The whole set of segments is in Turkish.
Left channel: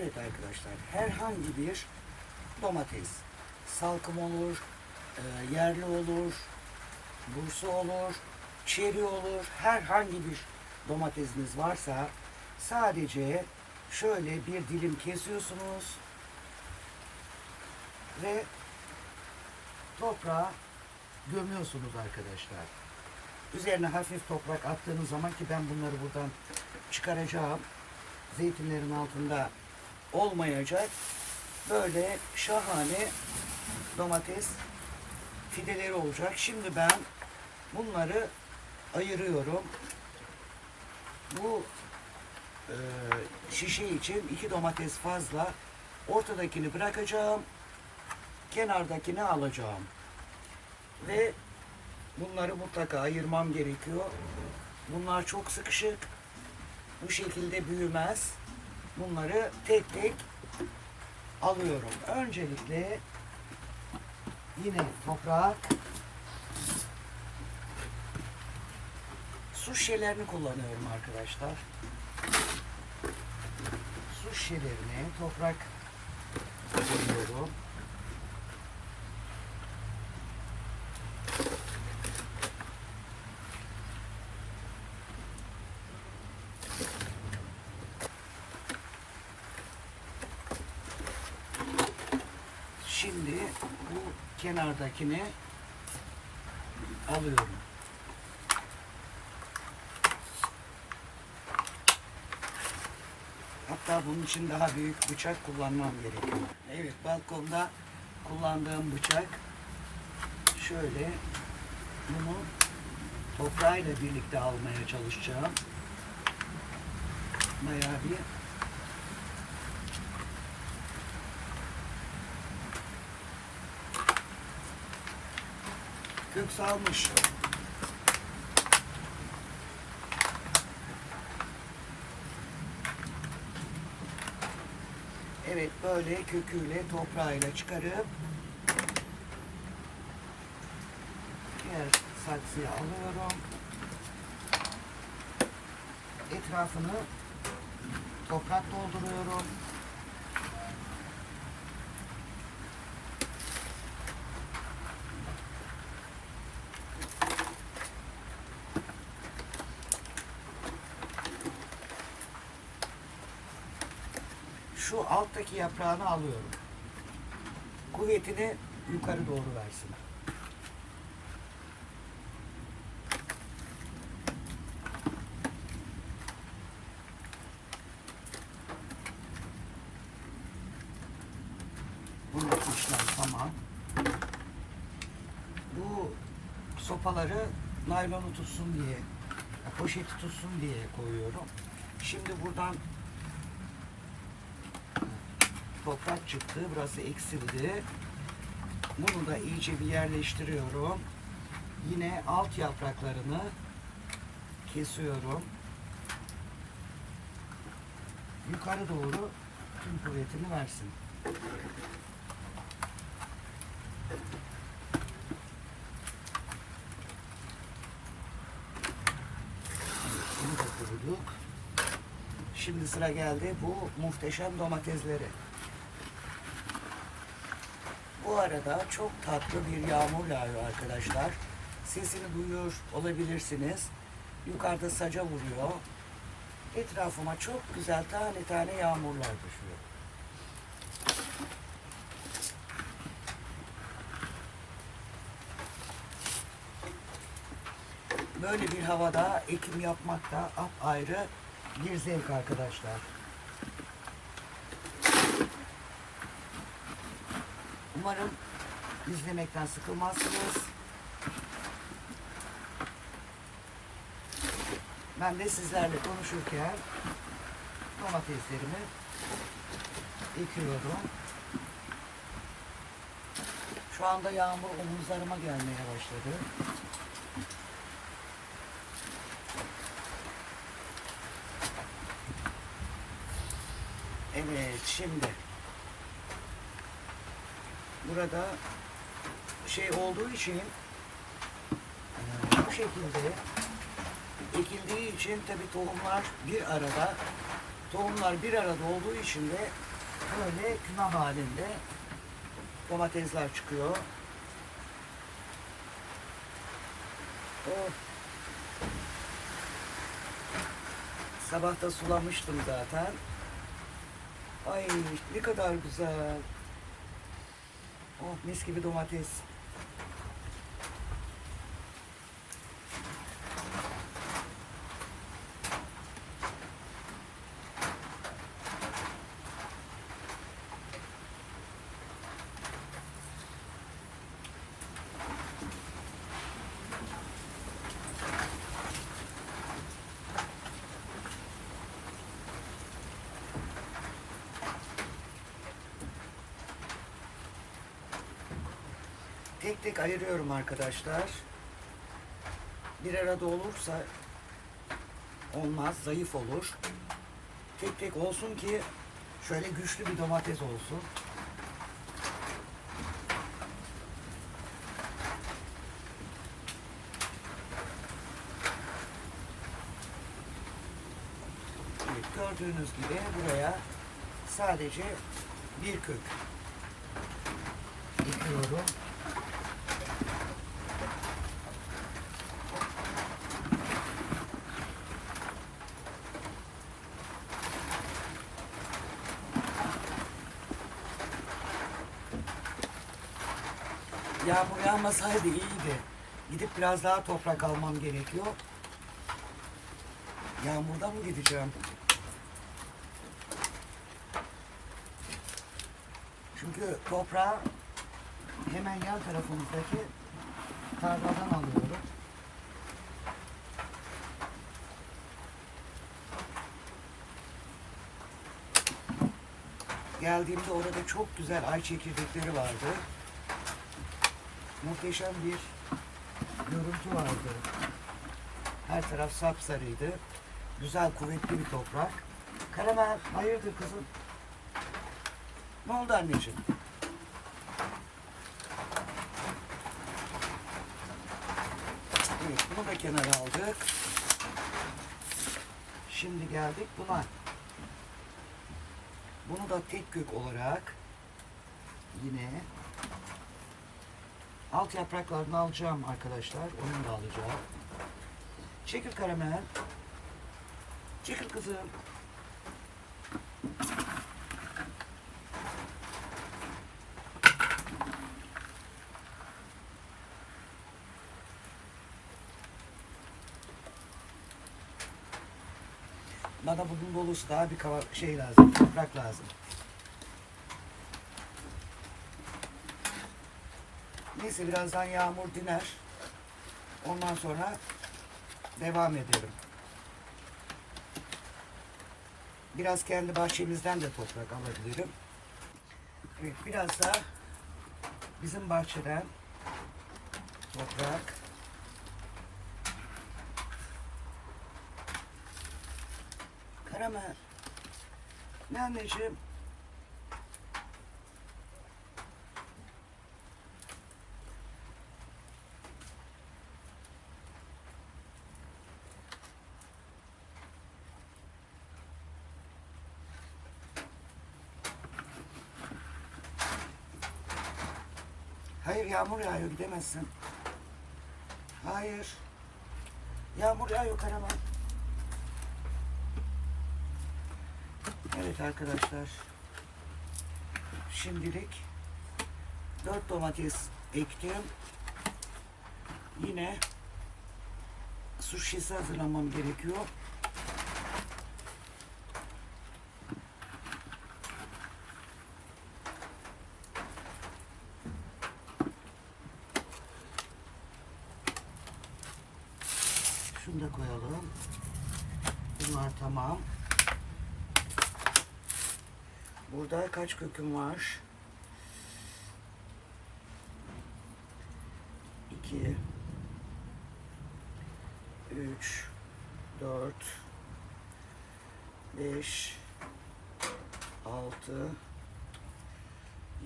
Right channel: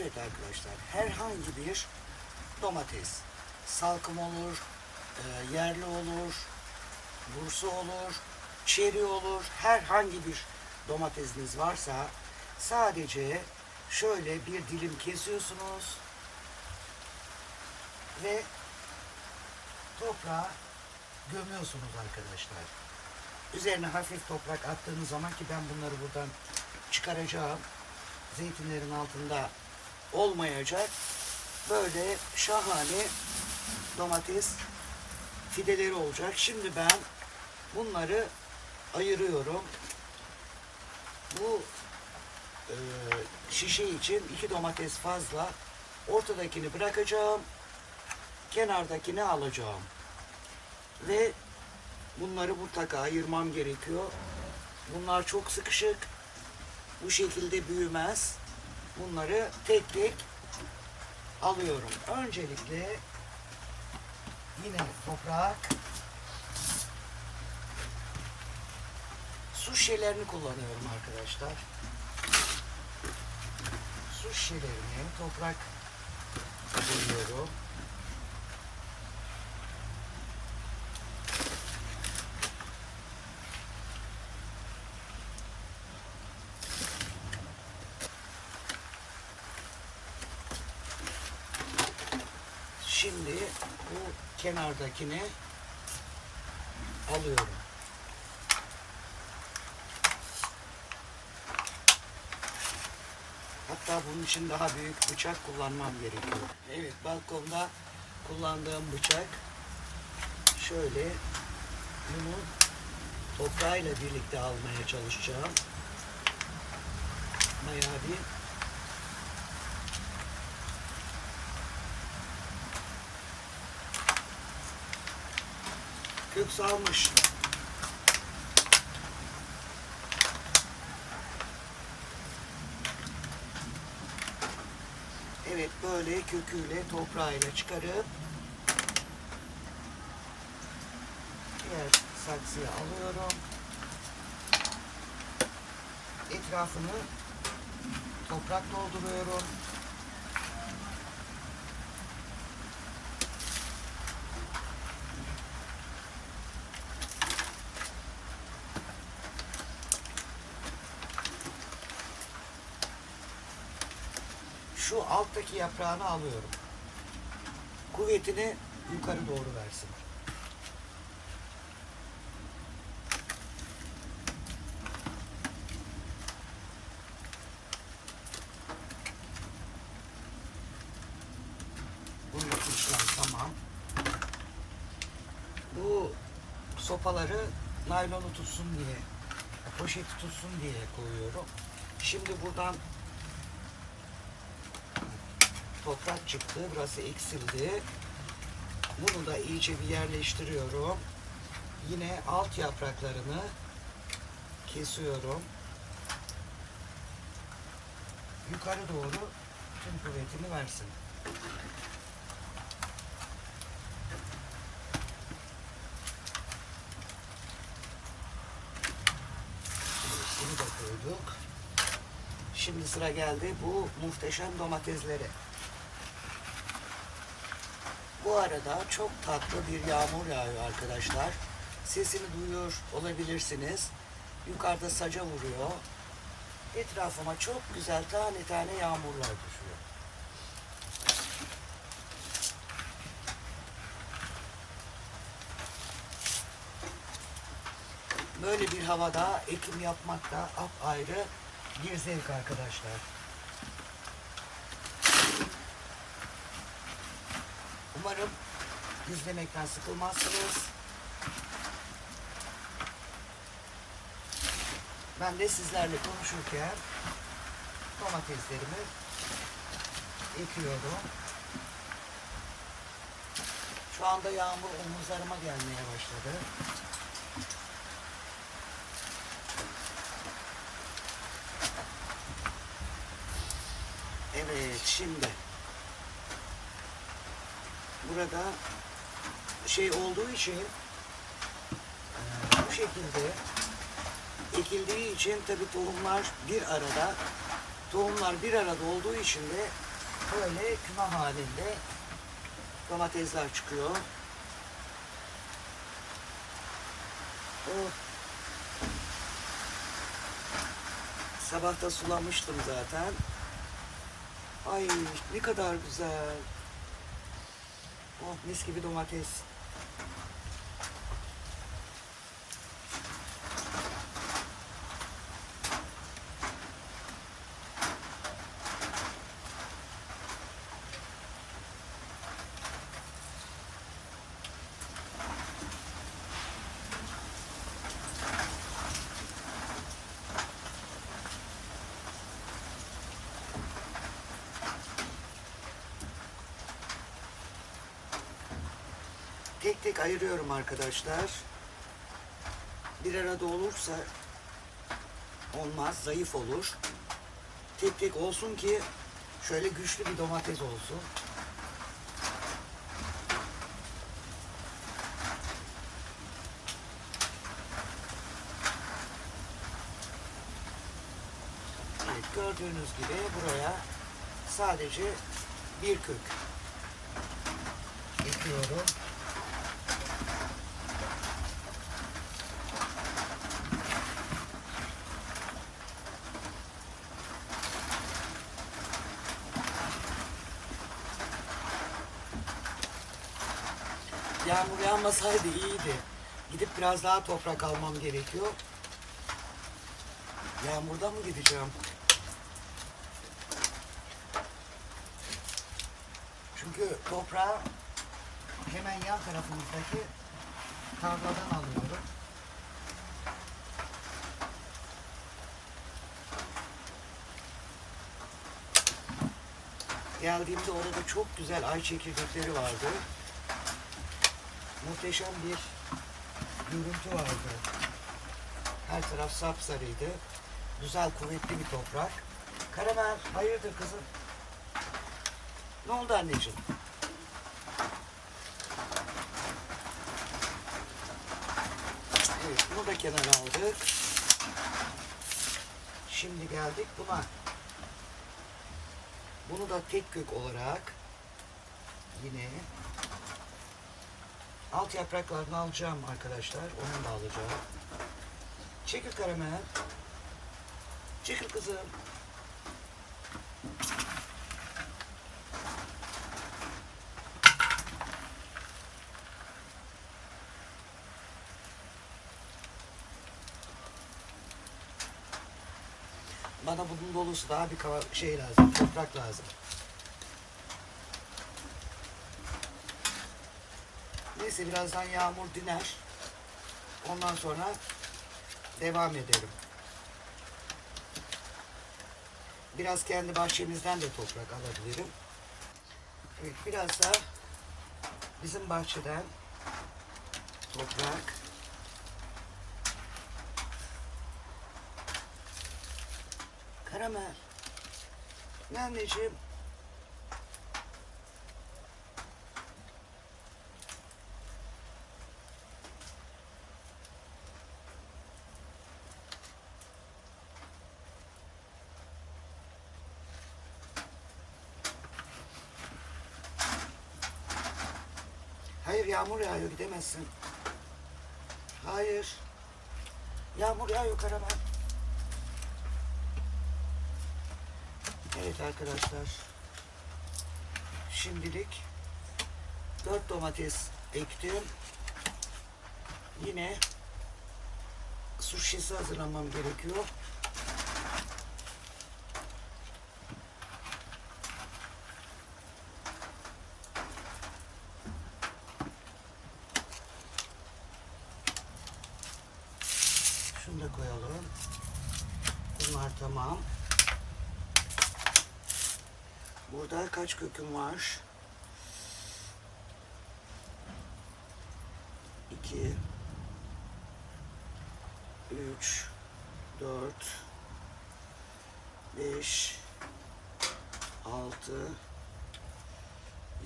Evet arkadaşlar herhangi bir domates salkım olur, e, yerli olur, bursa olur, çeri olur. Herhangi bir domatesiniz varsa sadece şöyle bir dilim kesiyorsunuz ve toprağa gömüyorsunuz arkadaşlar. Üzerine hafif toprak attığınız zaman ki ben bunları buradan çıkaracağım. Zeytinlerin altında olmayacak. Böyle şahane domates fideleri olacak. Şimdi ben bunları ayırıyorum. Bu e, şişe için iki domates fazla. Ortadakini bırakacağım. Kenardakini alacağım. Ve bunları mutlaka ayırmam gerekiyor. Bunlar çok sıkışık. Bu şekilde büyümez. Bunları tek tek alıyorum. Öncelikle yine toprak su şişelerini kullanıyorum arkadaşlar. Su şişelerini toprak koyuyorum. Şimdi bu kenardakini alıyorum. Hatta bunun için daha büyük bıçak kullanmam gerekiyor. Evet balkonda kullandığım bıçak şöyle bunu toprağıyla birlikte almaya çalışacağım. Bayağı bir kök salmış. Evet böyle köküyle toprağıyla çıkarıp diğer saksıya alıyorum. Etrafını toprak dolduruyorum. Şu alttaki yaprağını alıyorum. Kuvvetini yukarı doğru versin. Bunun uçlar tamam. Bu sopaları naylonu tutsun diye, poşeti tutsun diye koyuyorum. Şimdi buradan toprak çıktı. Burası eksildi. Bunu da iyice bir yerleştiriyorum. Yine alt yapraklarını kesiyorum. Yukarı doğru tüm kuvvetini versin. Şimdi sıra geldi bu muhteşem domateslere. Bu arada çok tatlı bir yağmur yağıyor arkadaşlar. Sesini duyuyor olabilirsiniz. Yukarıda saca vuruyor. Etrafıma çok güzel tane tane yağmurlar düşüyor. Böyle bir havada ekim yapmak da ayrı bir zevk arkadaşlar. Umarım izlemekten sıkılmazsınız. Ben de sizlerle konuşurken domateslerimi ekiyorum. Şu anda yağmur omuzlarıma gelmeye başladı. Evet şimdi burada şey olduğu için eee, bu şekilde ekildiği için tabi tohumlar bir arada Tohumlar bir arada olduğu için de böyle küme halinde domatesler çıkıyor. Oh. Sabah sulamıştım zaten. Ay ne kadar güzel. Oh mis gibi domates. Tek tek ayırıyorum arkadaşlar. Bir arada olursa olmaz, zayıf olur. Tek tek olsun ki şöyle güçlü bir domates olsun. Evet, gördüğünüz gibi buraya sadece bir kök ekiyorum. Yağmur yağmasaydı iyiydi. Gidip biraz daha toprak almam gerekiyor. Yağmurda mı gideceğim? Çünkü toprağı hemen yan tarafımızdaki tarladan alıyorum. Geldiğimde orada çok güzel ay çekirdekleri vardı. Muhteşem bir görüntü vardı. Her taraf sapsarıydı. Güzel kuvvetli bir toprak. Karamel hayırdır kızım? Ne oldu anneciğim? Evet bunu da kenara aldık. Şimdi geldik buna. Bunu da tek kök olarak yine alt yapraklarını alacağım arkadaşlar. Onu da alacağım. Çekil karamel. Çekil kızım. Bana bunun dolusu daha bir kava şey lazım, toprak lazım. Neyse birazdan yağmur diner. Ondan sonra devam edelim. Biraz kendi bahçemizden de toprak alabilirim. Evet, biraz da bizim bahçeden toprak. Karamel. Ne anneciğim? Hayır yağmur yağıyor gidemezsin. Hayır. Yağmur yağıyor Karaman. Evet arkadaşlar. Şimdilik dört domates ektim. Yine su şişesi hazırlamam gerekiyor. Şunu da koyalım. Bunlar tamam. Burada? Kaç köküm var? 2 3 4 5 6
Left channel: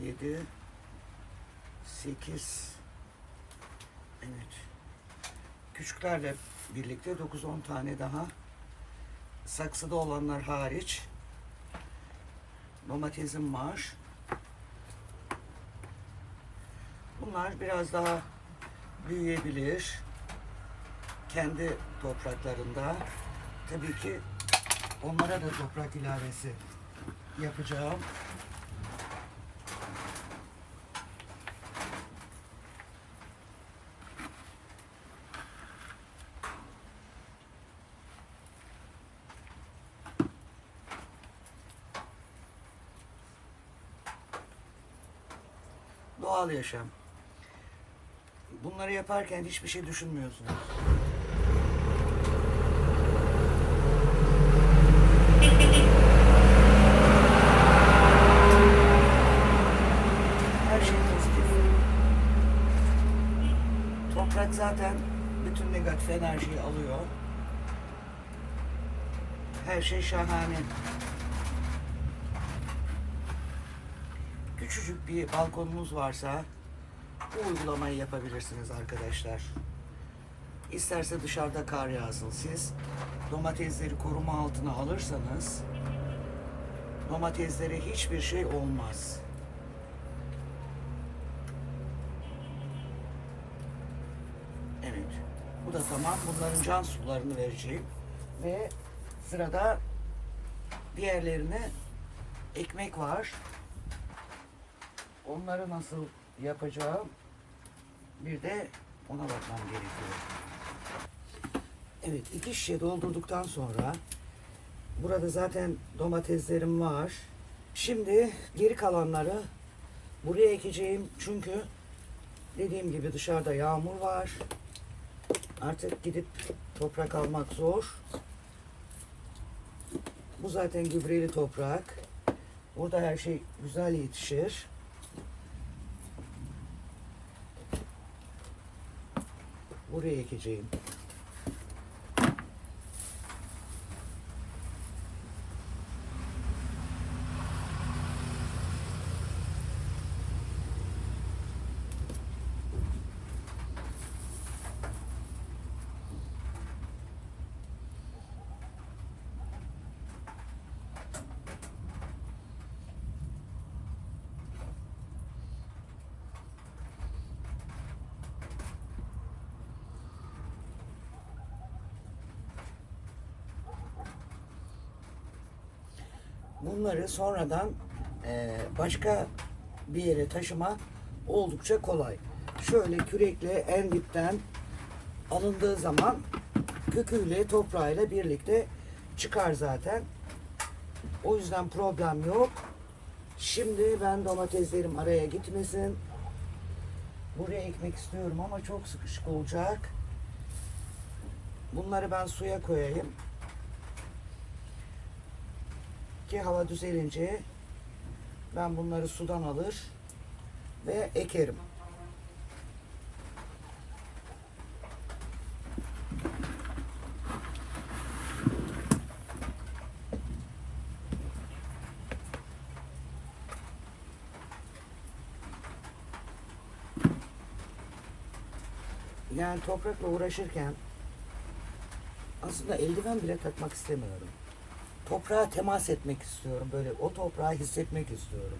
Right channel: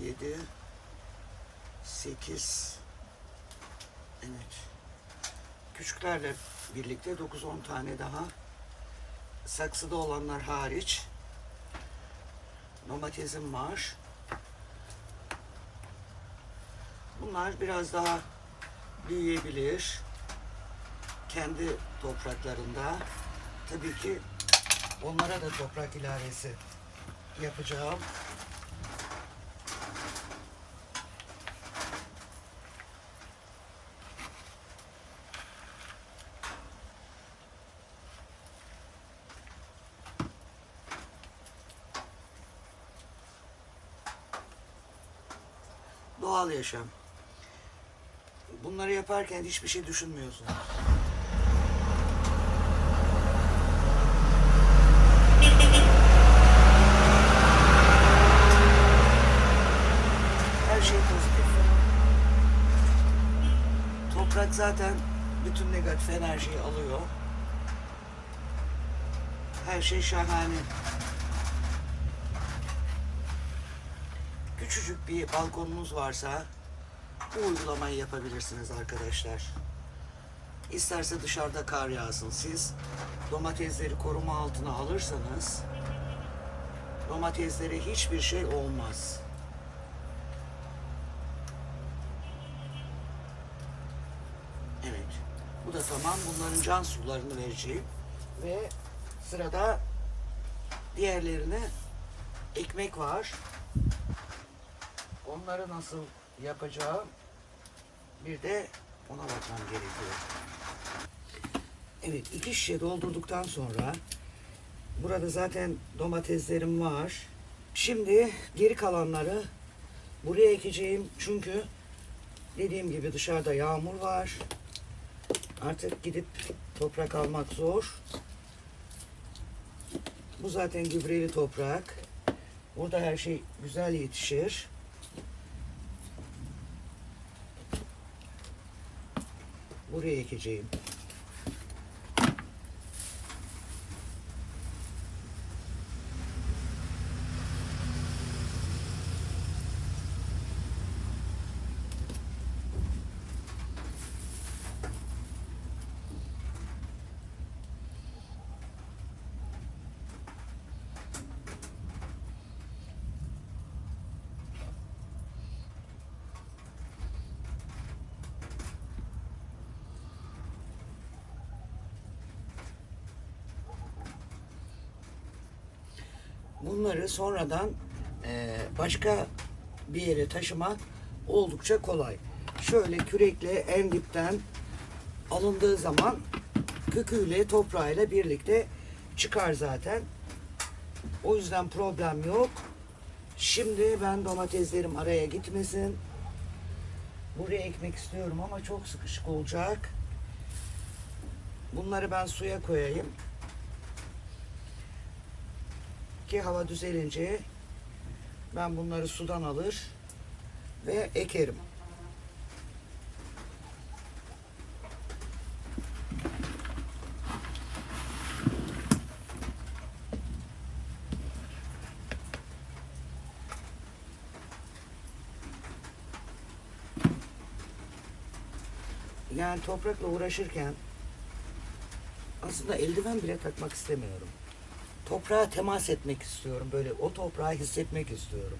7 8 Evet. Küçüklerle birlikte 9-10 tane daha. Saksıda olanlar hariç domatesim var. Bunlar biraz daha büyüyebilir. Kendi topraklarında. Tabii ki onlara da toprak ilavesi yapacağım. Yaşam. Bunları yaparken hiçbir şey düşünmüyorsunuz. Her şey pozitif. Toprak zaten bütün negatif enerjiyi alıyor. Her şey şahane. Küçücük bir balkonunuz varsa bu uygulamayı yapabilirsiniz arkadaşlar. İsterse dışarıda kar yağsın. Siz domatesleri koruma altına alırsanız domateslere hiçbir şey olmaz. Evet. Bu da tamam. Bunların can sularını vereceğim. Ve sırada diğerlerine ekmek var. Onları nasıl yapacağım bir de ona bakmam gerekiyor. Evet iki şişe doldurduktan sonra burada zaten domateslerim var. Şimdi geri kalanları buraya ekeceğim çünkü dediğim gibi dışarıda yağmur var. Artık gidip toprak almak zor. Bu zaten gübreli toprak. Burada her şey güzel yetişir. Buraya ekeceğim. Bunları sonradan eee, başka bir yere taşıma oldukça kolay. Şöyle kürekle en dipten alındığı zaman köküyle toprağıyla birlikte çıkar zaten. O yüzden problem yok. Şimdi ben domateslerim araya gitmesin. Buraya ekmek istiyorum ama çok sıkışık olacak. Bunları ben suya koyayım ki hava düzelince ben bunları sudan alır ve ekerim. Yani toprakla uğraşırken aslında eldiven bile takmak istemiyorum toprağa temas etmek istiyorum. Böyle o toprağı hissetmek istiyorum.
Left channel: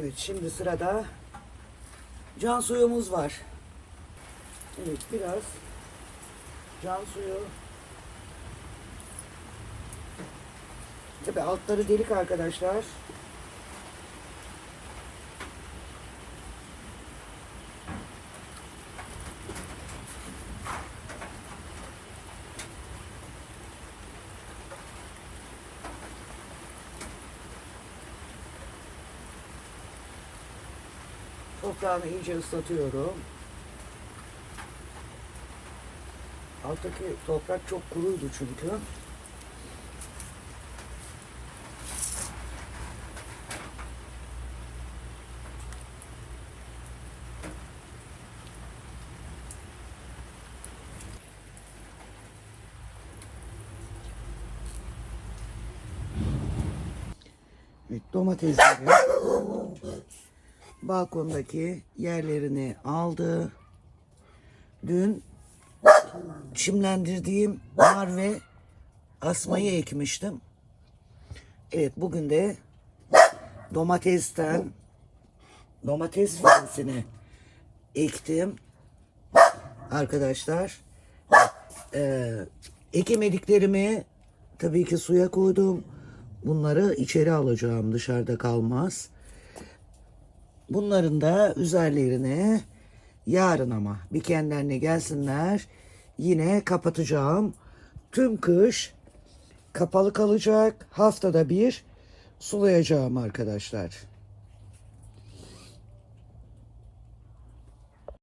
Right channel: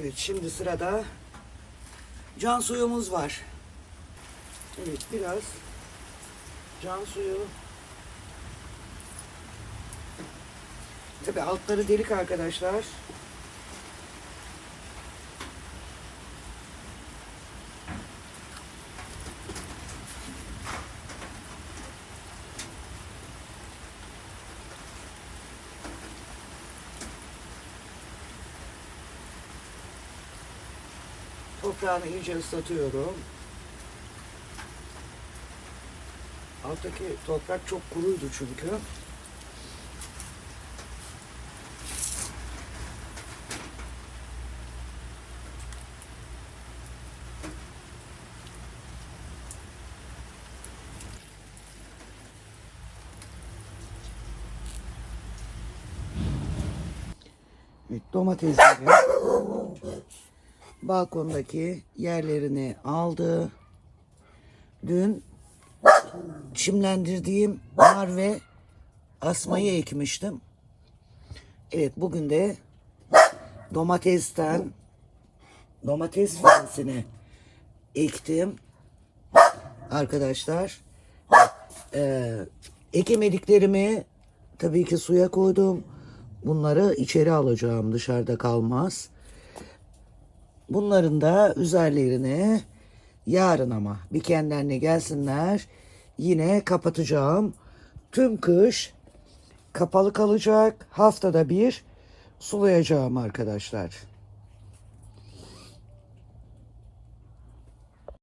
Evet şimdi sırada can suyumuz var. Evet biraz can suyu. Tabi altları delik arkadaşlar. Toprağını iyice ıslatıyorum. Alttaki toprak çok kuruydu çünkü. Evet, domatesleri balkondaki yerlerini aldı. Dün çimlendirdiğim nar ve asmayı ekmiştim. Evet bugün de domatesten domates fidesini ektim. Arkadaşlar eee ekemediklerimi tabii ki suya koydum. Bunları içeri alacağım dışarıda kalmaz. Bunların da üzerlerine yarın ama bir kendilerine gelsinler yine kapatacağım. Tüm kış kapalı kalacak. Haftada bir sulayacağım arkadaşlar.